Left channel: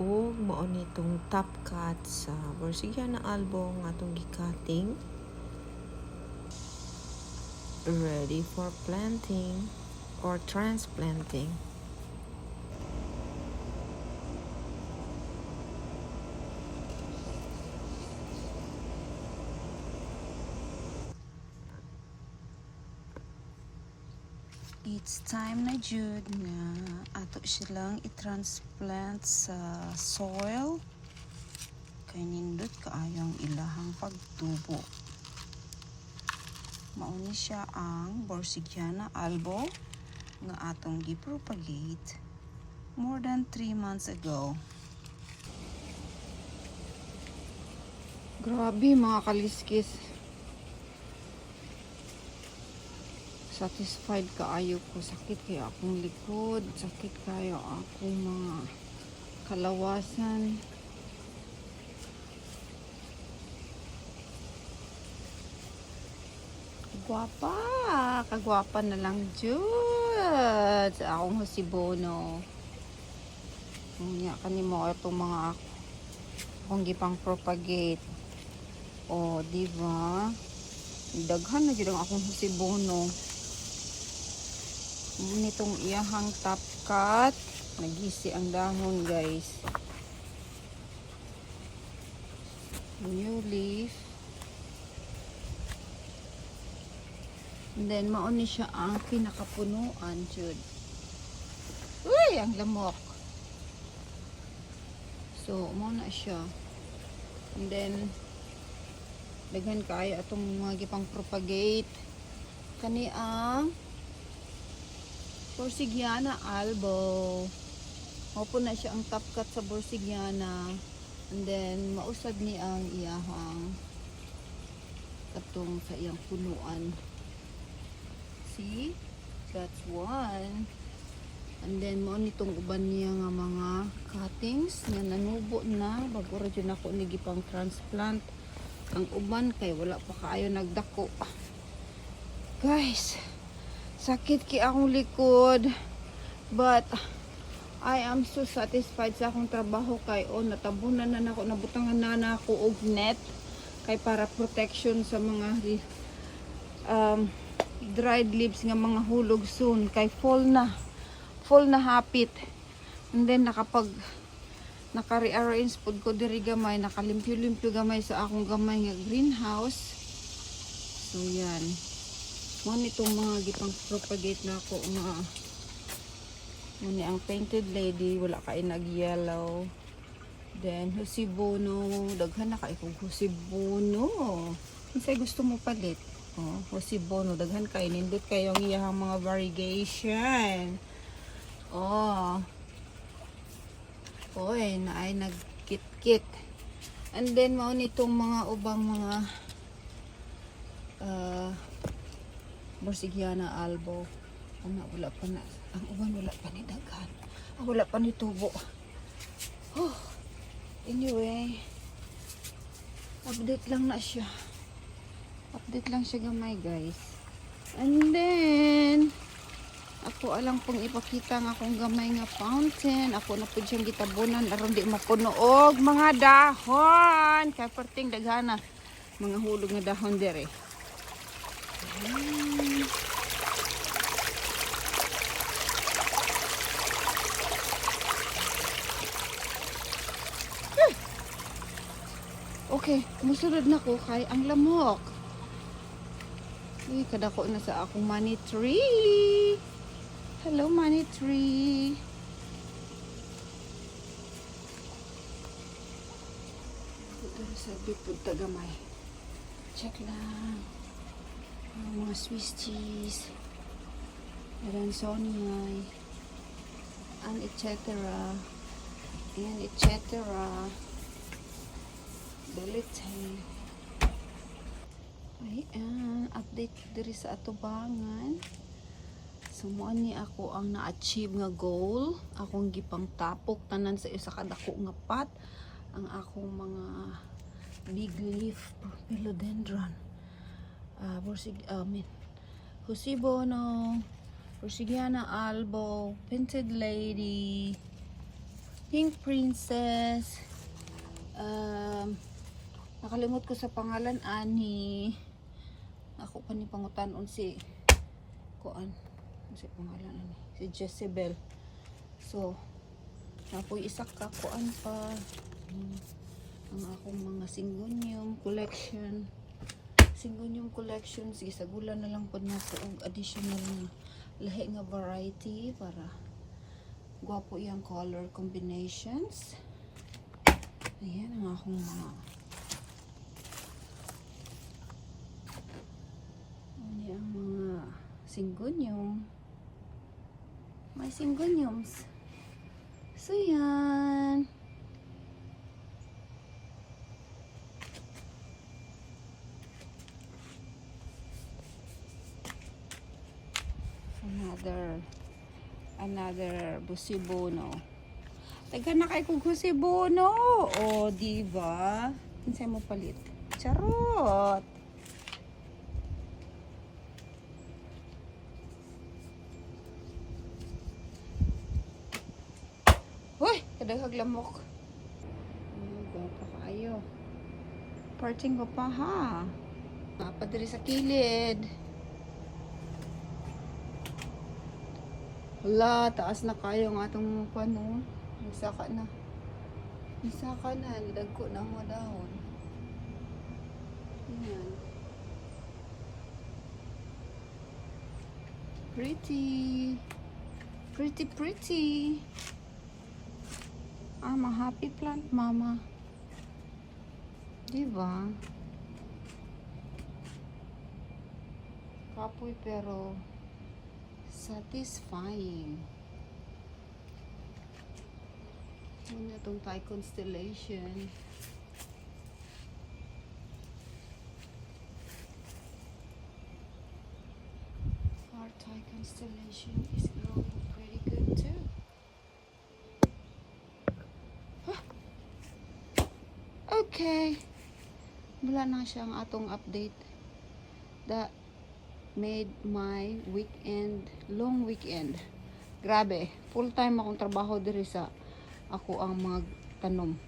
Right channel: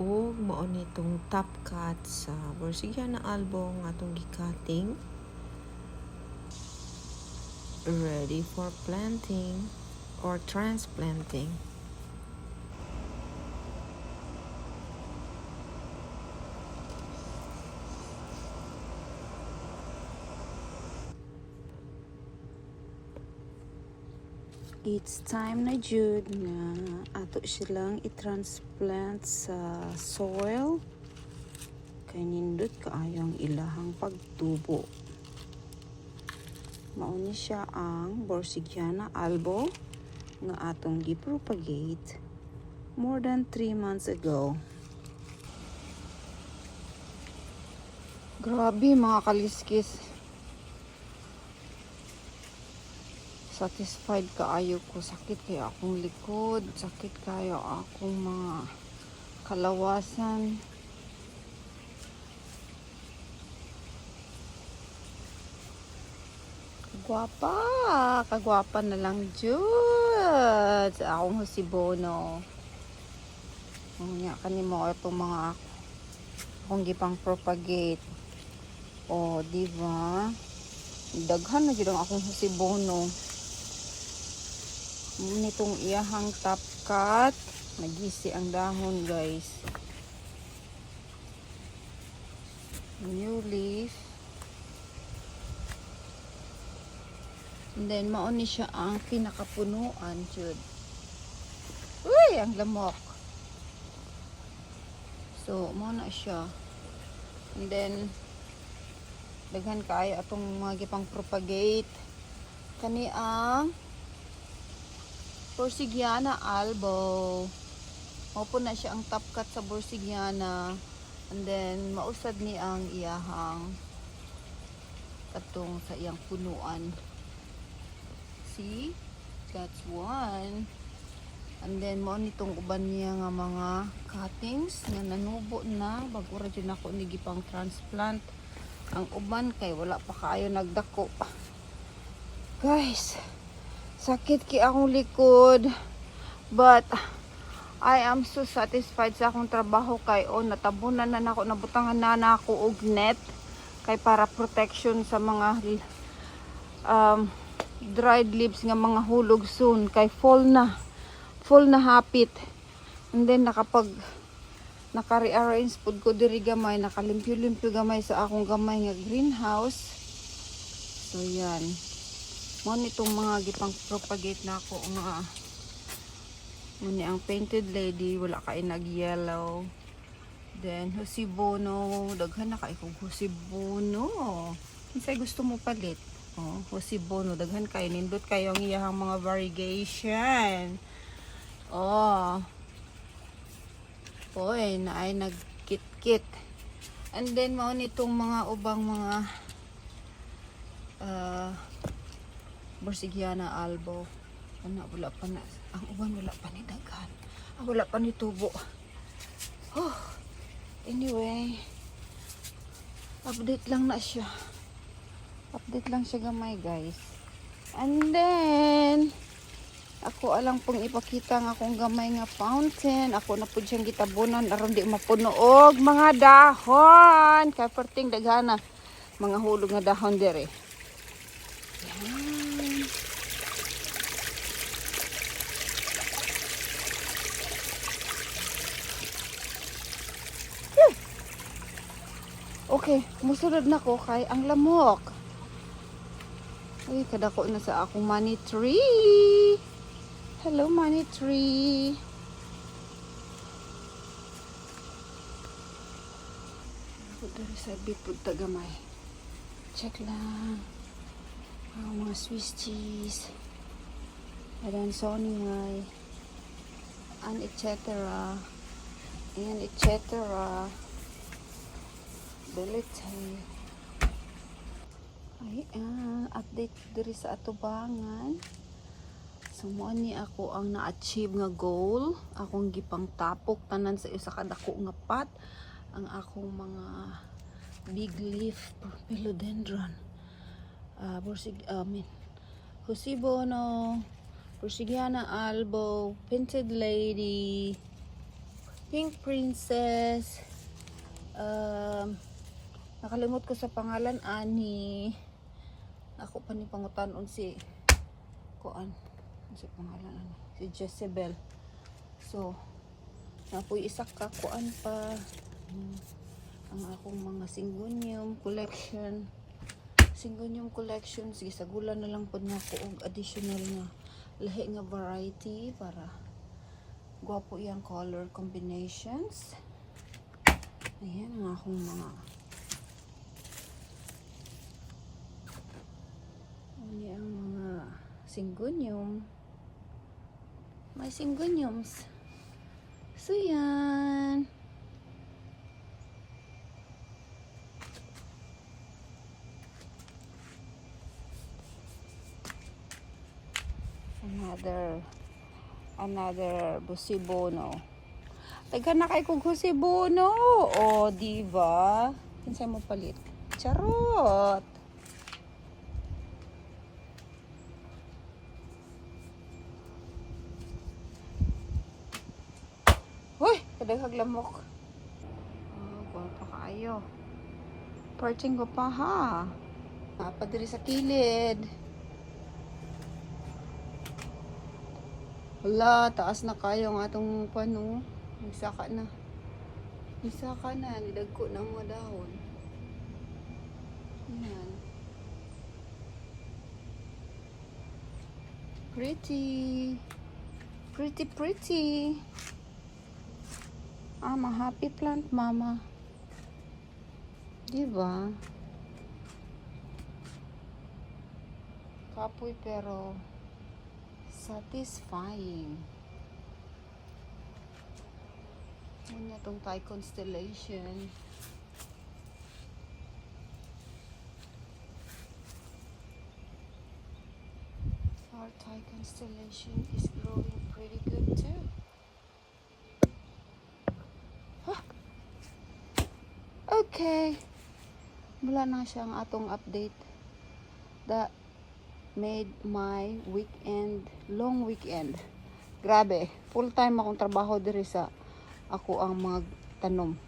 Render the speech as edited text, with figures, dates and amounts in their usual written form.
ug mao nitong top cut sa Borsigiana album nga atong gikating. Ready for planting or transplanting. It's time na jud nga ato silang i-transplant sa soil kay nindot kaayo ang ilahang pagtubo. Mauni siya ang Borsigiana albo nga atong gipropagate more than 3 months ago. Grabe mga kaliskis. Satisfied kaayo ko. Sakit kayo akong likod, sakit kayo akong mga kalawasan. Kagwapa na lang jud sa akong hasibono. Nya kanimo ito mga akong gipang propagate. O di ba? Daghan na jud ang akong hasibono. Nitong iyahang top cut, nagisi ang dahon guys. New leaf. And then mauni siya ang pinakapunuan jud. Uy, ang lamok. So, muna siya. And then daghan kaayo atong mga gipang propagate. Kani ang Borsigiana albo. Opo na siya ang top cut sa Borsigiana. And then mausad ni ang iyahang atong sa iyang punuan. See? That's one. And then mo nitong uban niya nga mga cuttings na nanubo na bago ra jud ako ni gipang transplant. Ang uban kay wala pa kaayo nagdako. Guys, sakit ki akong likod, but I am so satisfied sa akong trabaho kay natabunan na nako, nabutangan na nako og net kay para protection sa mga dried leaves nga mga hulog soon kay fall na hapit. And then naka-rearrange pud ko diri gamay, nakalimpyo-limpyo gamay sa akong gamay nga greenhouse. So yan. Mo nitong mga gipang propagate na ako nga muni ang painted lady, wala kay nag-yellow. Then hosibono, daghan na kay kog hosibono. Unsay gusto mo palit? Hosibono, daghan kay nindot kayo ang iyang mga variegation. Oy, na ay nagkit-kit. And then mao nitong mga ubang mga Borsigiana albo. Wala pa na. Ang uban wala pa ni daghan. Wala pa ni tubo. Anyway, update lang na siya. Update lang siya gamay guys. And then ako alang pong ipakita nga akong gamay nga fountain. Ako na po siyang gitabunan aron di mapuno og mga dahon. Kaya perting daghana mga hulog nga dahon dire. Okay, musunod na ko kay ang lamok. Ay, kadako na sa akong money tree. Hello, money tree. Pagkari sabi po tagamay. Check lang. Mga Swiss cheese. And sonimay. And etc. And etc. Bulletin. Ayan, update diri sa atubangan. Sumuan ni ako ang na-achieve nga goal. Akong gipang tapok tanan sa isa kadako nga pot. Ang akong mga big leaf philodendron. Hosibono, Borsigiana albo, painted lady, Pink Princess. Nakalimot ko sa pangalan ani. Ako pa ni pangutanon si kuan. Si pangalan ani. Si Jezebel. So, ako'y isa ka kuan pa. Ang akong mga Syngonium collection. Syngonium collection. Sige, sa gula na lang po na ko ang additional na lahi nga variety para gwapo yung color combinations. Ayan ang akong mga ano ang mga Syngonium. May Syngoniums. So yan. Another Busibono. Taga na kay kong Busibono. O, diba? Kinsay mo palit? Charot! Uy! Kadaghag lamok. Oh, gwapa kaayo. Parting ko pa ha. Padiri sa kilid. Hala, taas na kayo ang atong pano. Isaka na. Isaka na. Nidagko na mga dahon. Ayan. Pretty. Pretty, pretty. Ah, mga happy plant, mama. Diba? Kapoy pero satisfying. Ano na itong Thai constellation? Our Thai constellation is growing pretty good too. Huh. Okay. Wala na siyang atong update. That made my weekend, long weekend. Grabe, full time akong trabaho diri sa ako ang magtanom.